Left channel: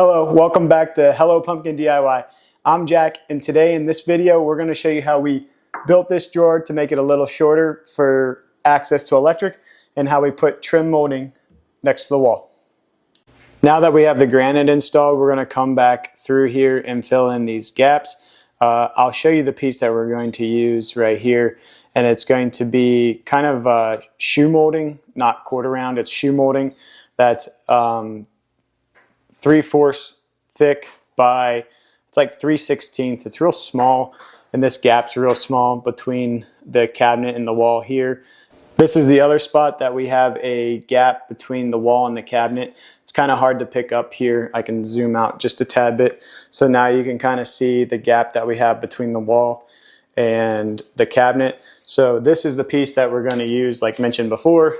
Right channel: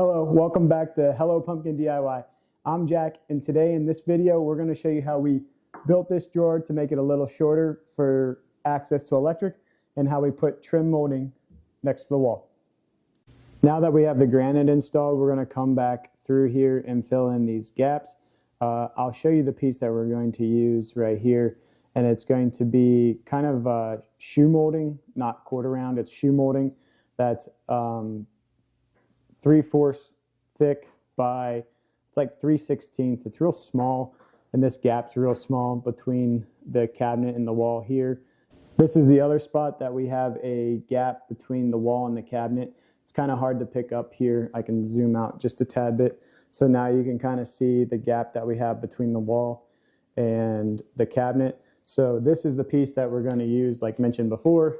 Hello, welcome back to Hello Pumpkin DIY. I'm Jack, and today in this video we're going to show you how we built this drawer to make it a little shorter for access to electric and how we put trim molding next to the wall. Now that we have the granite installed, we're going to come back through here and fill in these gaps. I'll show you the piece that we're going to use right here, and it's going to be kind of shoe molding, not quarter round, it's shoe molding that's 3/4 thick by, it's like 3/16. It's real small, and this gap's real small between the cabinet and the wall here. This is the other spot that we have a gap between the wall and the cabinet. It's kind of hard to pick up here. I can zoom out just a tad bit. So now you can kind of see the gap that we have between the wall and the cabinet. So this is the piece that we're going to use, like mentioned before.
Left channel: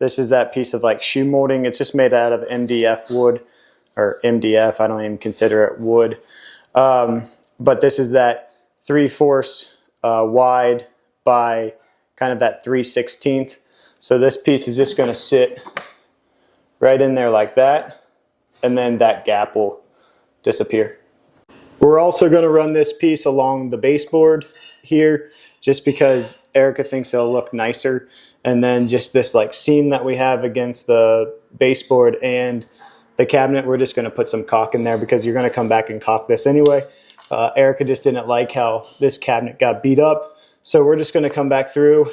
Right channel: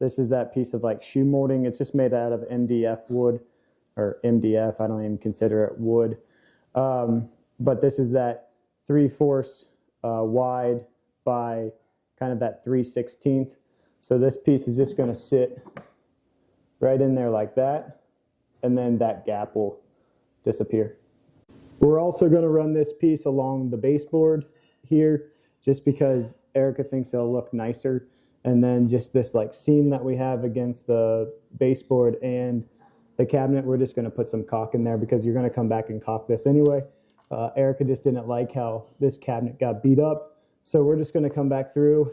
This is that piece of like shoe molding. It's just made out of MDF wood, or MDF, I don't even consider it wood. But this is that 3/4 wide by kind of that 3/16. So this piece is just gonna sit right in there like that, and then that gap will disappear. We're also gonna run this piece along the baseboard here, just because Erica thinks it'll look nicer. And then just this like seam that we have against the baseboard and the cabinet, we're just going to put some caulk in there because you're going to come back and caulk this anyway. Erica just didn't like how this cabinet got beat up. So we're just going to come back through,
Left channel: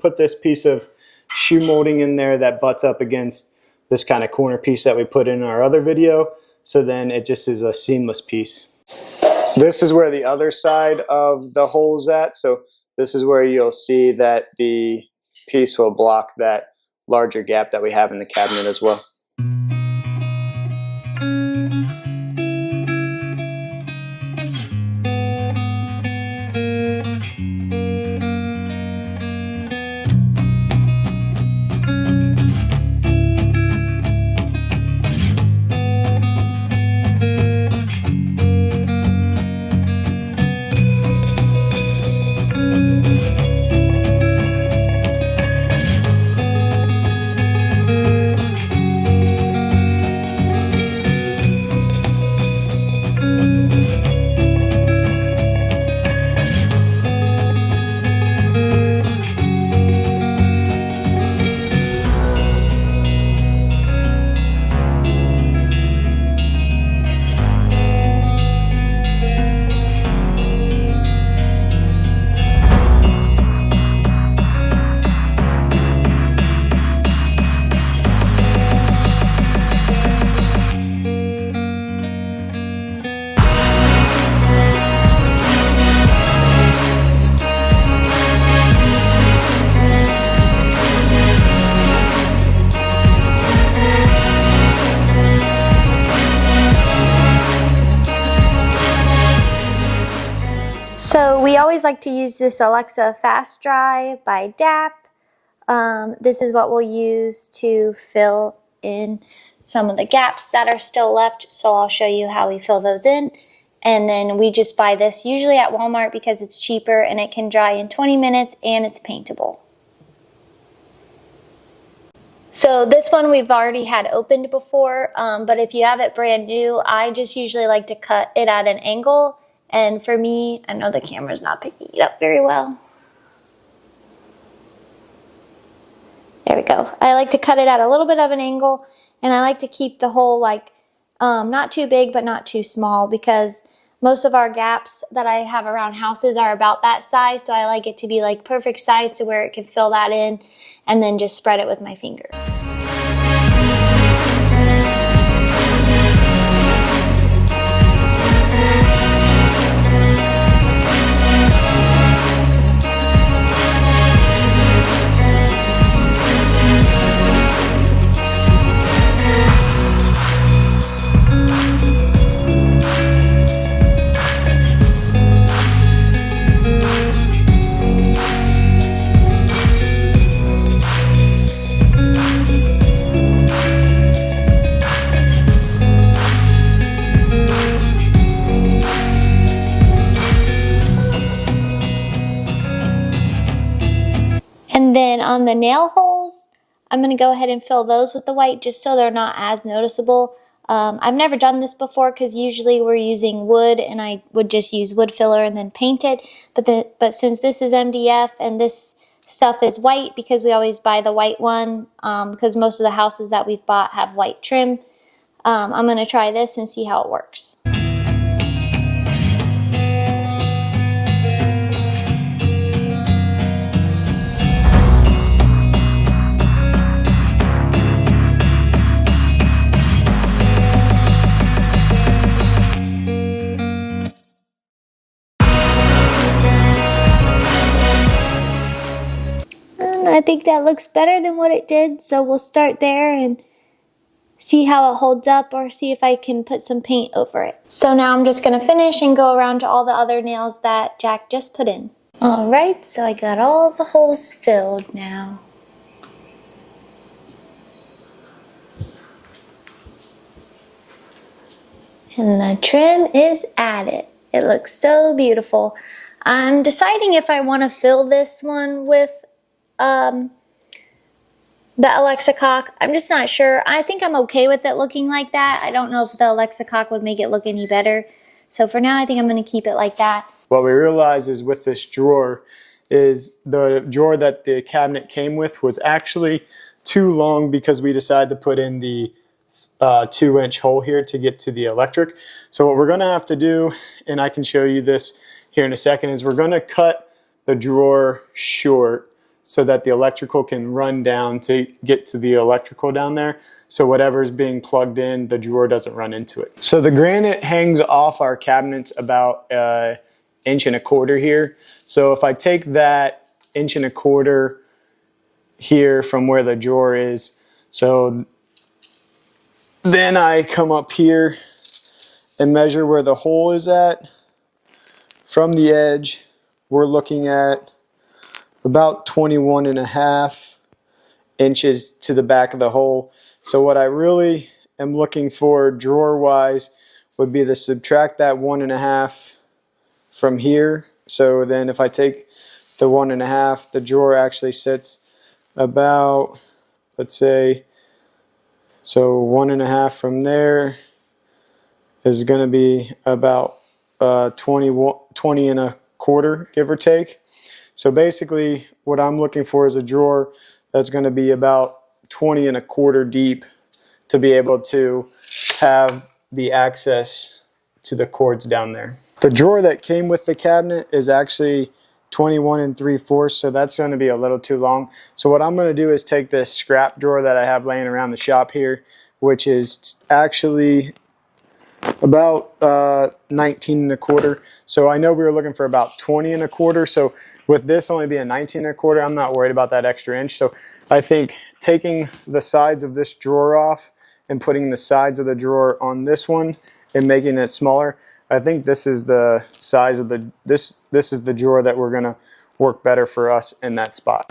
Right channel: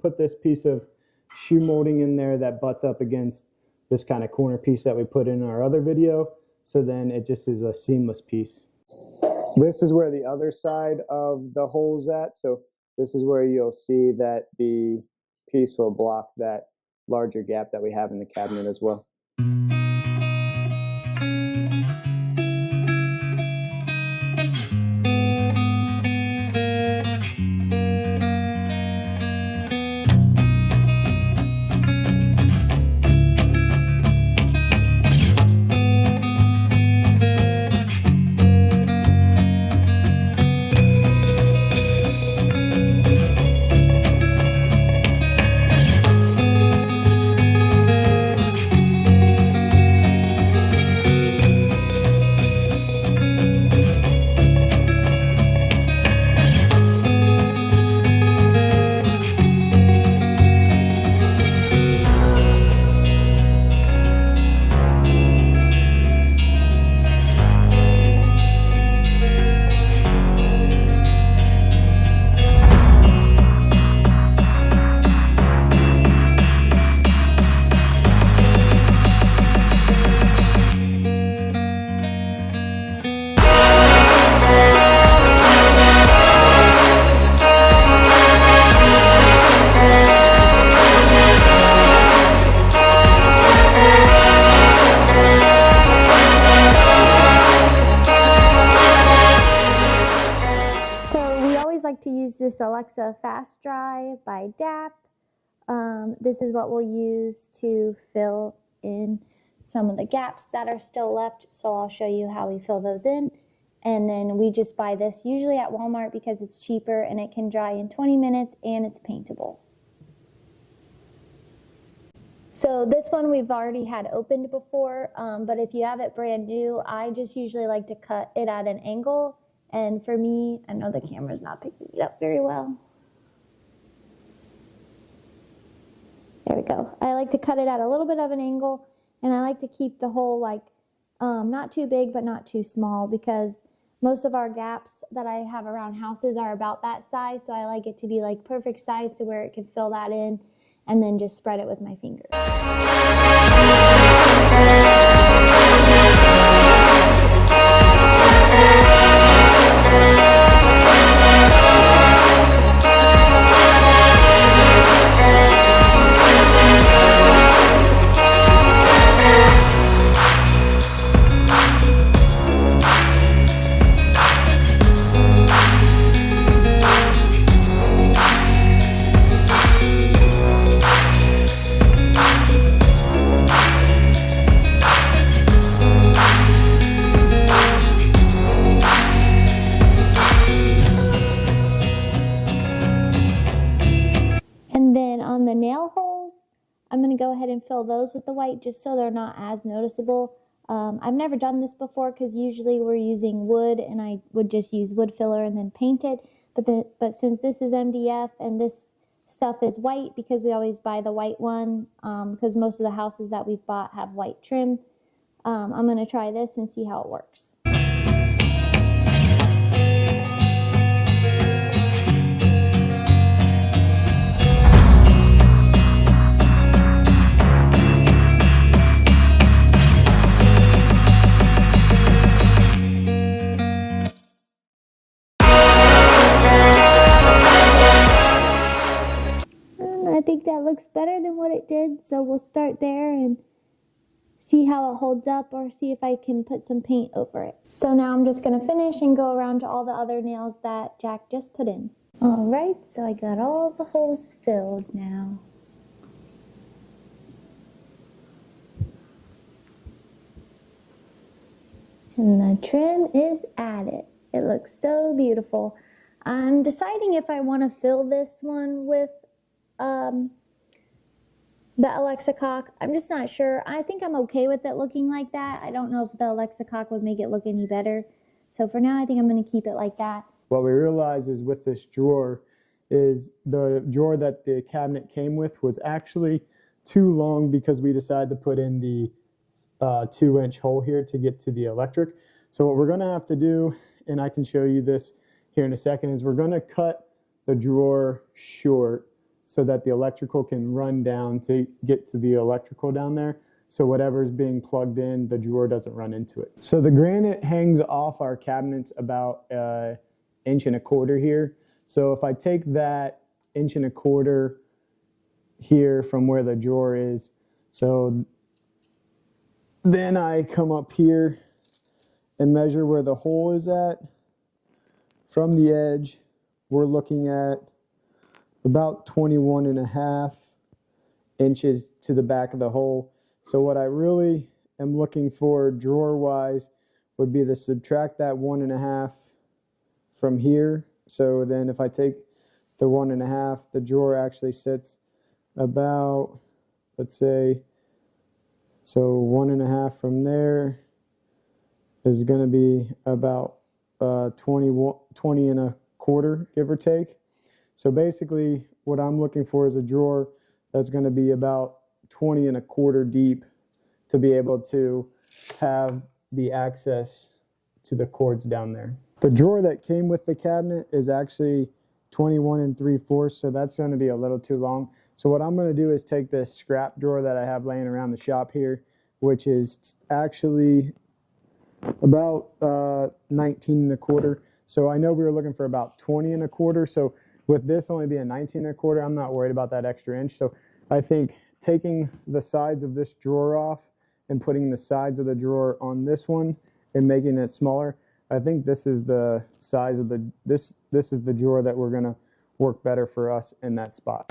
put this piece of shoe molding in there that butts up against this kind of corner piece that we put in our other video. So then it just is a seamless piece. This is where the other side of the hole's at. So this is where you'll see that the piece will block that larger gap that we have in the cabinet as well. So we always like to use this Alexa Fast Dry by DAP. This is what we'll use to fill in some of the gaps that are still left. So I'll show you how we fill those in. And then we just buy this usually at Walmart because it's cheaper and it can dry in 20 minutes and it's paintable. So this one we've already had opened before, but if you have it brand new, I just usually like to cut it at an angle. And for me, I know the camera's not picking it up very well. There we go. I like to cut it at a little bit of an angle, and I like to keep the hole like not too big but not too small, because most of our gaps that I have around houses are about that size, so I like it to be like perfect size to where it can fill that in and then just spread it with my finger. And then on the nail holes, I'm going to go ahead and fill those with the white just so they're not as noticeable. I've never done this before because usually we're using wood and I would just use wood filler and then paint it. But since this is MDF and this stuff is white, because we always buy the white one, because most of the houses that we've bought have white trim, I'm going to try this and see how it works. I think that looks better than what it did, so we'll start there and see how it holds up, or see if I can put some paint over it. So now I'm just gonna finish and go around to all the other nails that Jack just put in. Alright, so I got all the holes filled now. And the trim is added. It looks so beautiful. I'm deciding if I want to fill this one with the Alexa cock. I'm just not sure. I think I'm okay with it looking like that. I don't know if the Alexa cock would make it look any better. So for now, I think I'm going to keep it like that. What we realized is with this drawer is the drawer that the cabinet came with was actually too long because we decided to put in the 2-inch hole here to get to the electric. So what we're going to have to do, and I can show you this here in a second, is we're going to cut the drawer short so that the electrical can run down to get to the electrical down there. So whatever is being plugged in, the drawer doesn't run into it. So the granite hangs off our cabinets about 1.25 inches here. So if I take that 1.25 inches here from where the drawer is, so then I come up here and measure where the hole is at. From the edge, we're looking at about 21.5 inches to the back of the hole. So what I really am looking for drawer wise would be to subtract that 1.5 from here. So then if I take the 1.5, the drawer actually sits about, let's say, so 1.5 from there is going to be about 20.25, give or take. So basically what I'm looking for is a drawer that's going to be about 20.25 deep to be able to have the access to the cords down there. The drawer that came with the cabinet is actually 21 3/4, so that's going to be a little too long. So what I'm going to do is take this scrap drawer that I have laying around the shop here, which is actually about 19.25. So I know we were looking for about 20.25. So with this only being 19.25, I'm not worried about that extra inch. So I think taking the sides of this drawer off and putting the sides of the drawer on this one and making it smaller, I think this is the size of this is the drawer that we're gonna work better for us in that spot.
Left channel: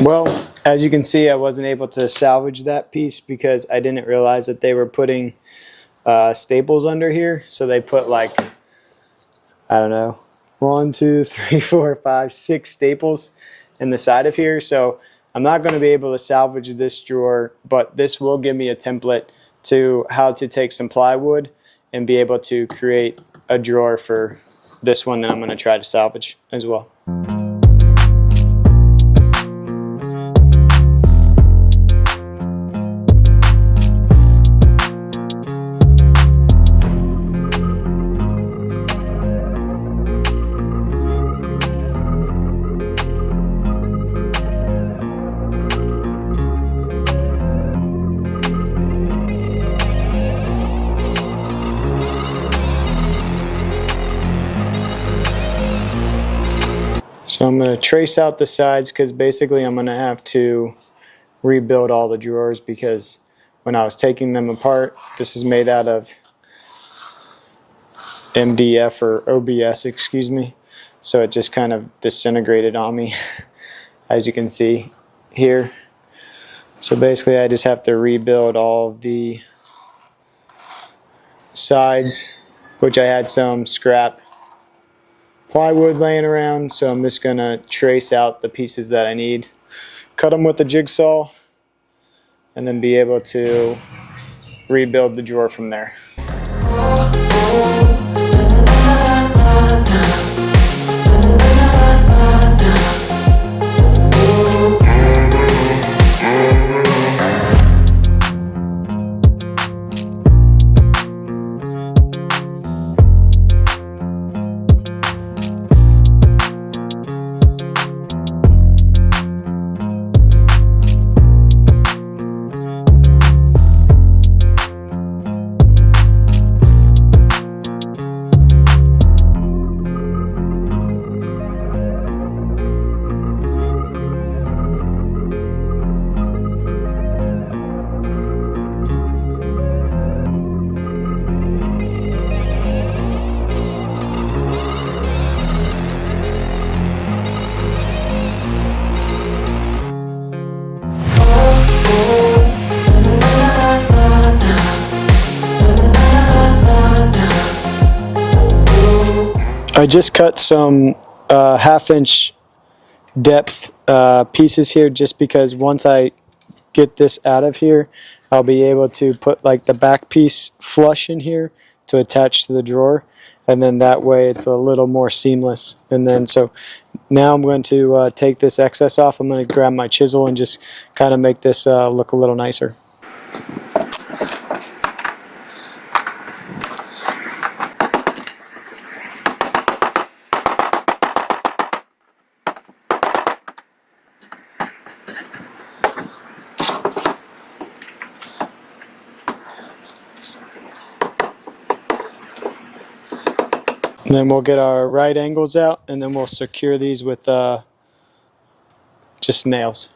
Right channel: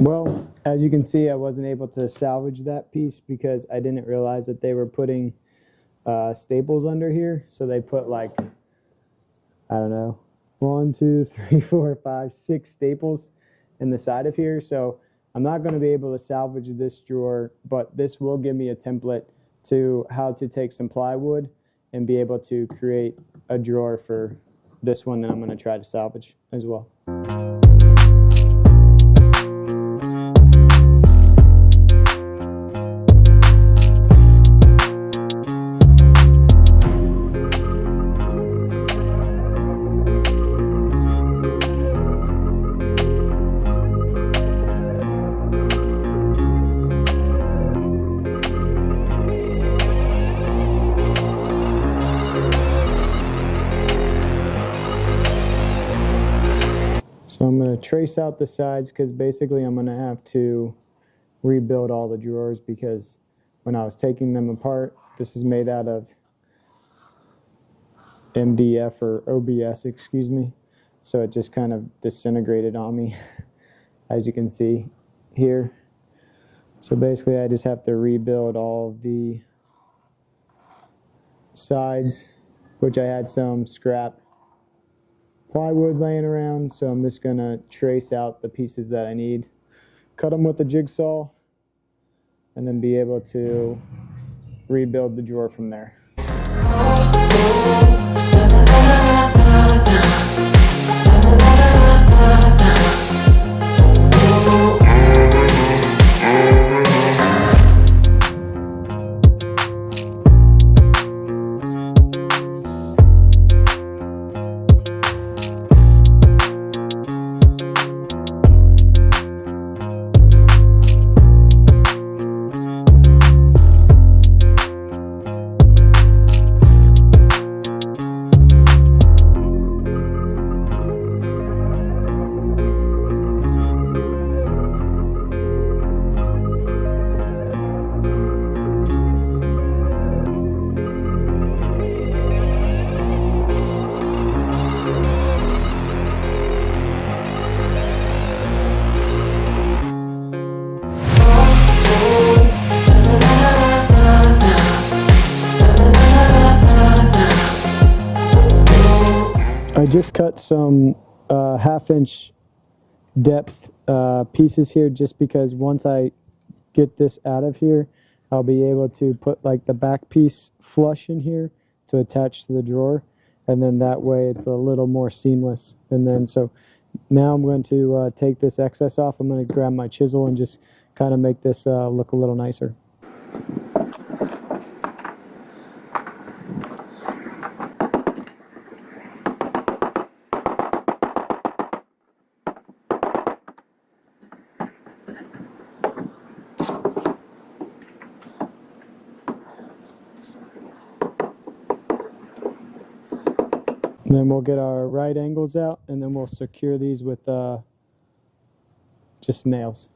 Well, as you can see, I wasn't able to salvage that piece because I didn't realize that they were putting staples under here. So they put like, I don't know, 1, 2, 3, 4, 5, 6 staples in the side of here. So I'm not going to be able to salvage this drawer, but this will give me a template to how to take some plywood and be able to create a drawer for this one that I'm going to try to salvage as well. So I'm going to trace out the sides because basically I'm going to have to rebuild all the drawers because when I was taking them apart, this is made out of MDF or OBS, excuse me. So it just kind of disintegrated on me, as you can see here. So basically I just have to rebuild all of the sides, which I had some scrap plywood laying around, so I'm just gonna trace out the pieces that I need, cut them with the jigsaw, and then be able to rebuild the drawer from there. I just cut some 1/2 inch depth pieces here just because once I get this out of here, I'll be able to put like the back piece flush in here to attach to the drawer, and then that way it's a little more seamless. And then so now I'm going to take this excess off. I'm going to grab my chisel and just kind of make this look a little nicer. And then we'll get our right angles out, and then we'll secure these with just nails.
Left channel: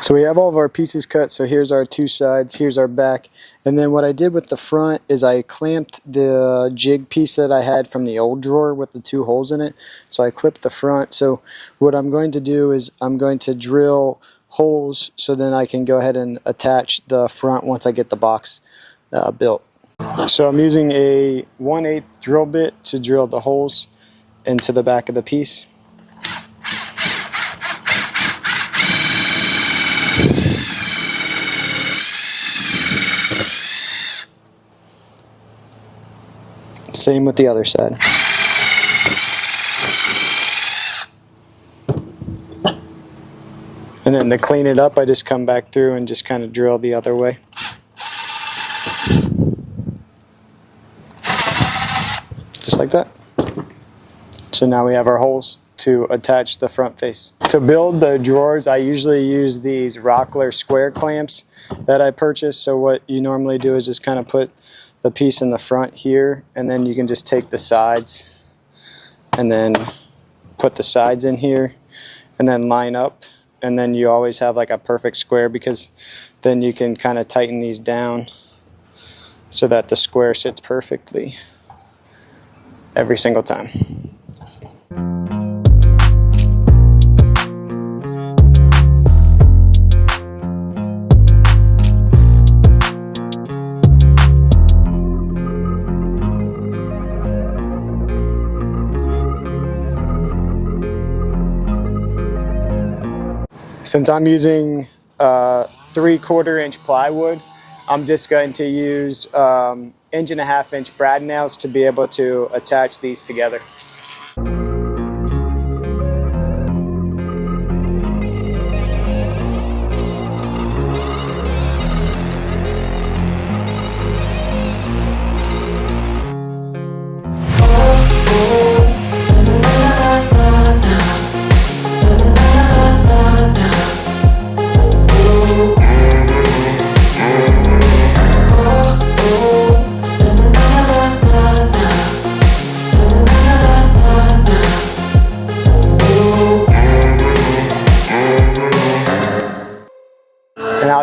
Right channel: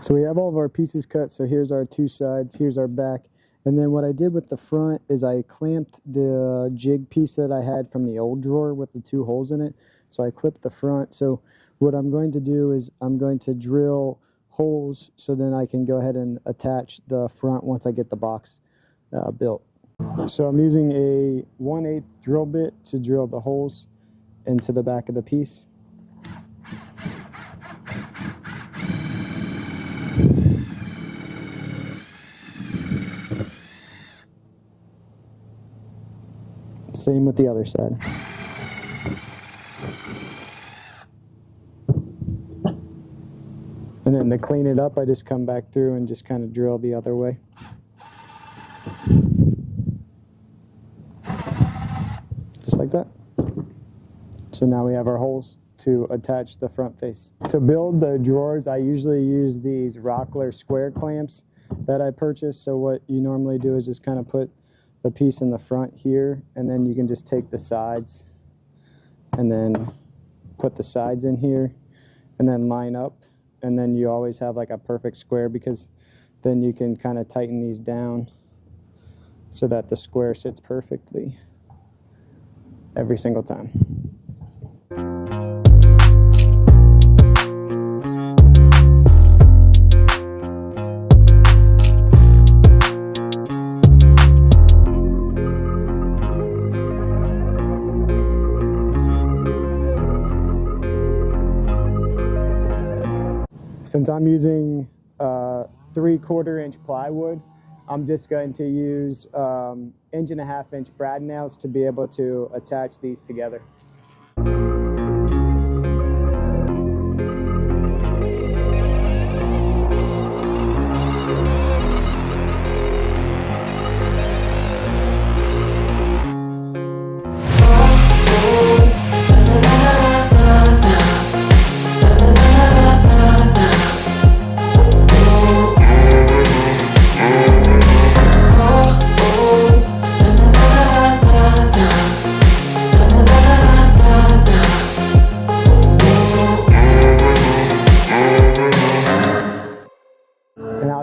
So we have all of our pieces cut, so here's our two sides, here's our back. And then what I did with the front is I clamped the jig piece that I had from the old drawer with the 2 holes in it. So I clipped the front. So what I'm going to do is I'm going to drill holes so then I can go ahead and attach the front once I get the box built. So I'm using a 1/8 drill bit to drill the holes into the back of the piece. Same with the other side. And then to clean it up, I just come back through and just kind of drill the other way. Just like that. So now we have our holes to attach the front face. To build the drawers, I usually use these Rockler square clamps that I purchased. So what you normally do is just kind of put the piece in the front here, and then you can just take the sides and then put the sides in here and then line up. And then you always have like a perfect square, because then you can kind of tighten these down so that the square sits perfectly every single time. Since I'm using 3/4 inch plywood, I'm just going to use 1.5 inch brad nails to be able to attach these together.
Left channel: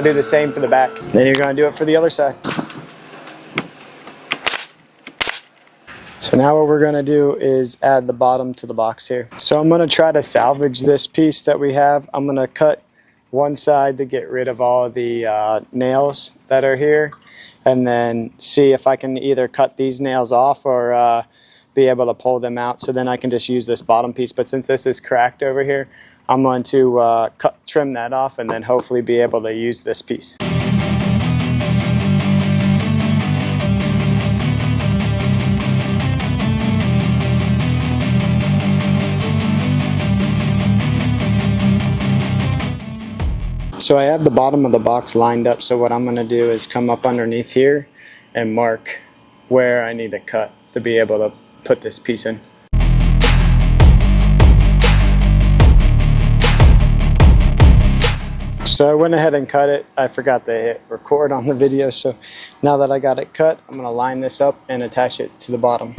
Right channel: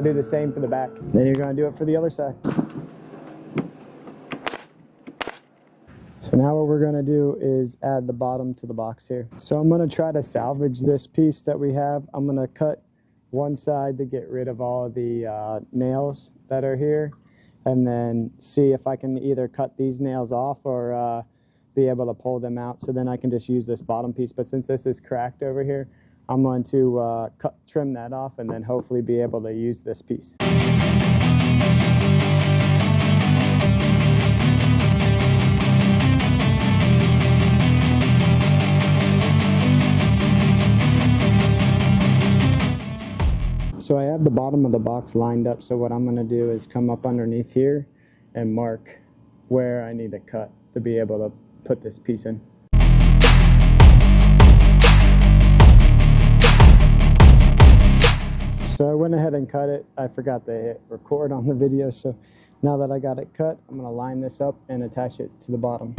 I'll do the same for the back. Then you're gonna do it for the other side. So now what we're gonna do is add the bottom to the box here. So I'm gonna try to salvage this piece that we have. I'm gonna cut one side to get rid of all the nails that are here, and then see if I can either cut these nails off or be able to pull them out, so then I can just use this bottom piece. But since this is cracked over here, I'm going to trim that off and then hopefully be able to use this piece. So I have the bottom of the box lined up, so what I'm going to do is come up underneath here and mark where I need to cut to be able to put this piece in. So I went ahead and cut it. I forgot to hit record on the video, so now that I got it cut, I'm going to line this up and attach it to the bottom.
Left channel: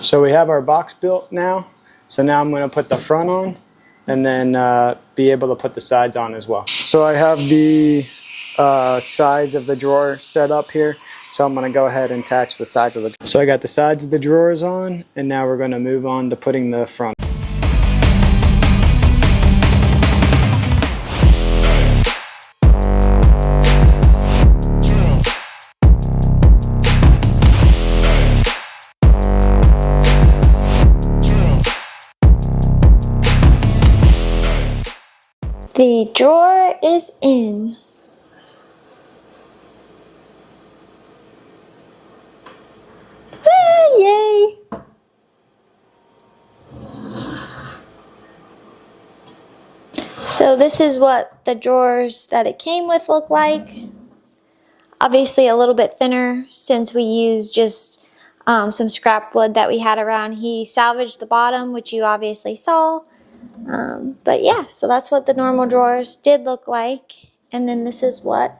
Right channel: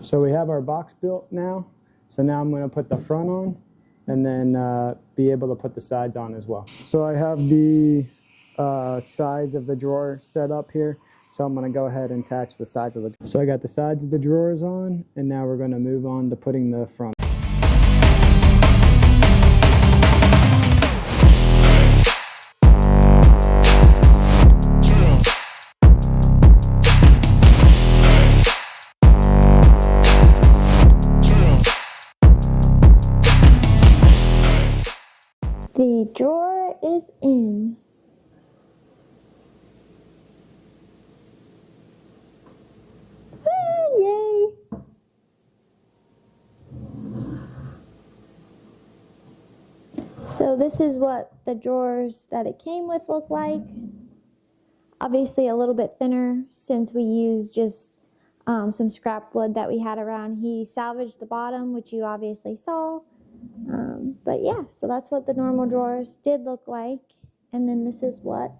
So we have our box built now. So now I'm going to put the front on and then be able to put the sides on as well. So I have the sides of the drawer set up here. So I'm going to go ahead and attach the sides of the drawer. So I got the sides of the drawers on, and now we're going to move on to putting the front. The drawer is in. Ah, yay! So this is what the drawers that it came with look like. Obviously a little bit thinner since we used just some scrap wood that we had around. He salvaged the bottom, which you obviously saw. But yeah, so that's what the normal drawers did look like. And then this is what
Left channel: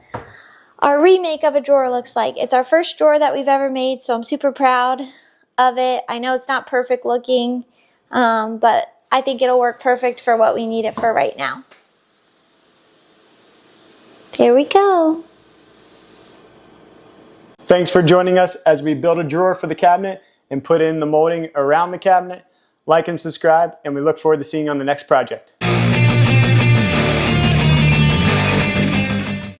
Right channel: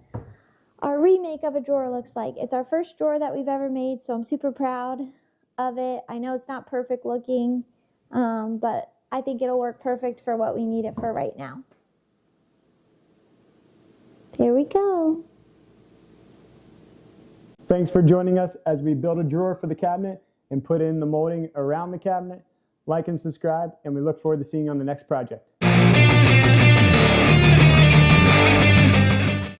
our remake of a drawer looks like. It's our first drawer that we've ever made, so I'm super proud of it. I know it's not perfect looking, but I think it'll work perfect for what we need it for right now. There we go. Thanks for joining us as we build a drawer for the cabinet and put in the molding around the cabinet. Like and subscribe, and we look forward to seeing you on the next project.